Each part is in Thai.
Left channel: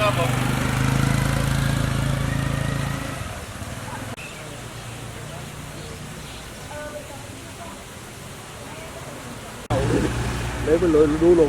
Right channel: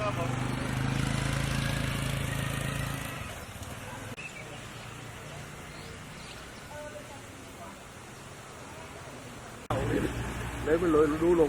ครับผมเลยไปเลยดูล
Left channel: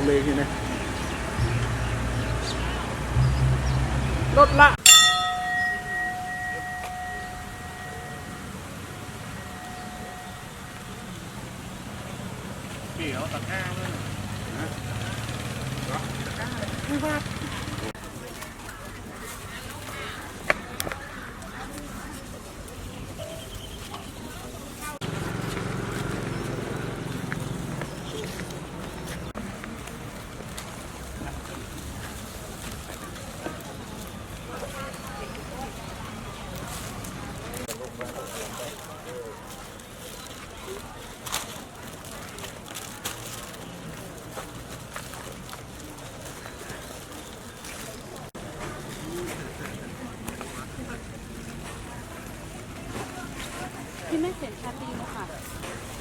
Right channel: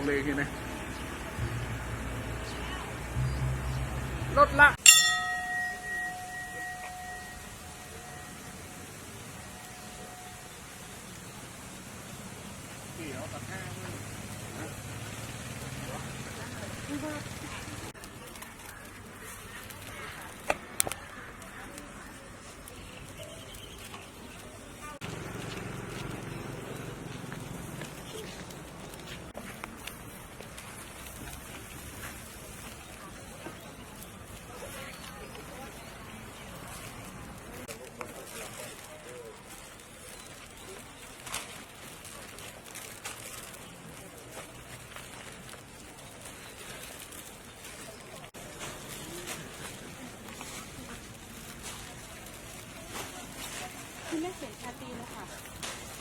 งเลยทีนี้รถละพี่เขาตัด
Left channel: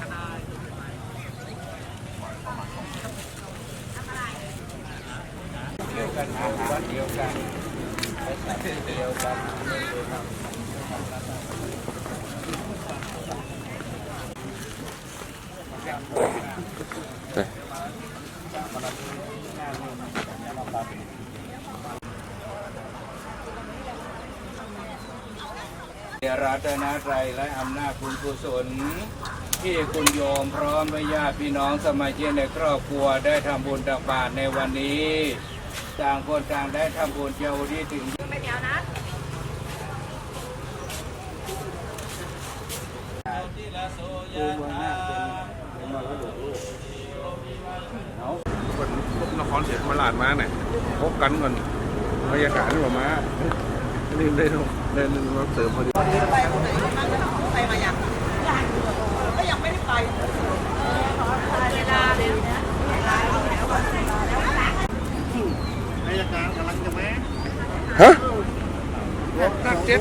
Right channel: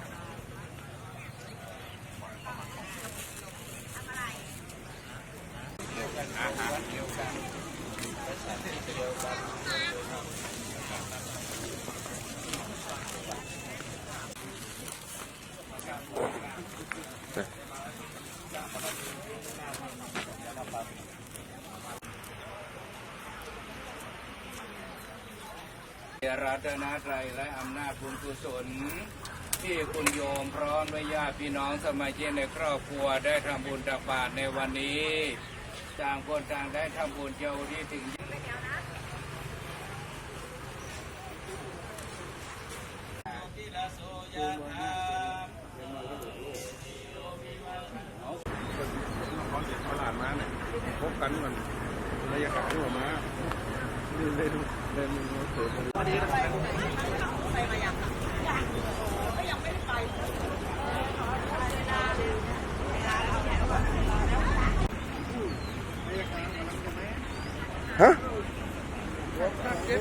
หน้าเลยที่ไม่เสียงชัดดีนะคะเดียวกันนะวัดเดียวกันไปสถานที่เดียวกันรั ตนตรัยและอำนาจบุญกุศล ที่คุณโยมพร้อมด้วยญาติพี่น้องสมาชิกในครอบครัวได้ทำบุญตักบาตรในวันนี้ต่างคนต่างได้ทำบุญเจ้าที่ถึงคนนครศรีธรรมราชมาเนี่ยพบกันกันบรรยากาศนี่ว่ามา นี่เลยเดินเราเสริมพอดีไปคนไหนคนนั้นไปมาอย่างยังก็ยังไม่ได้ไปอายการกำลังจะแม้ฮะนักเจ็บ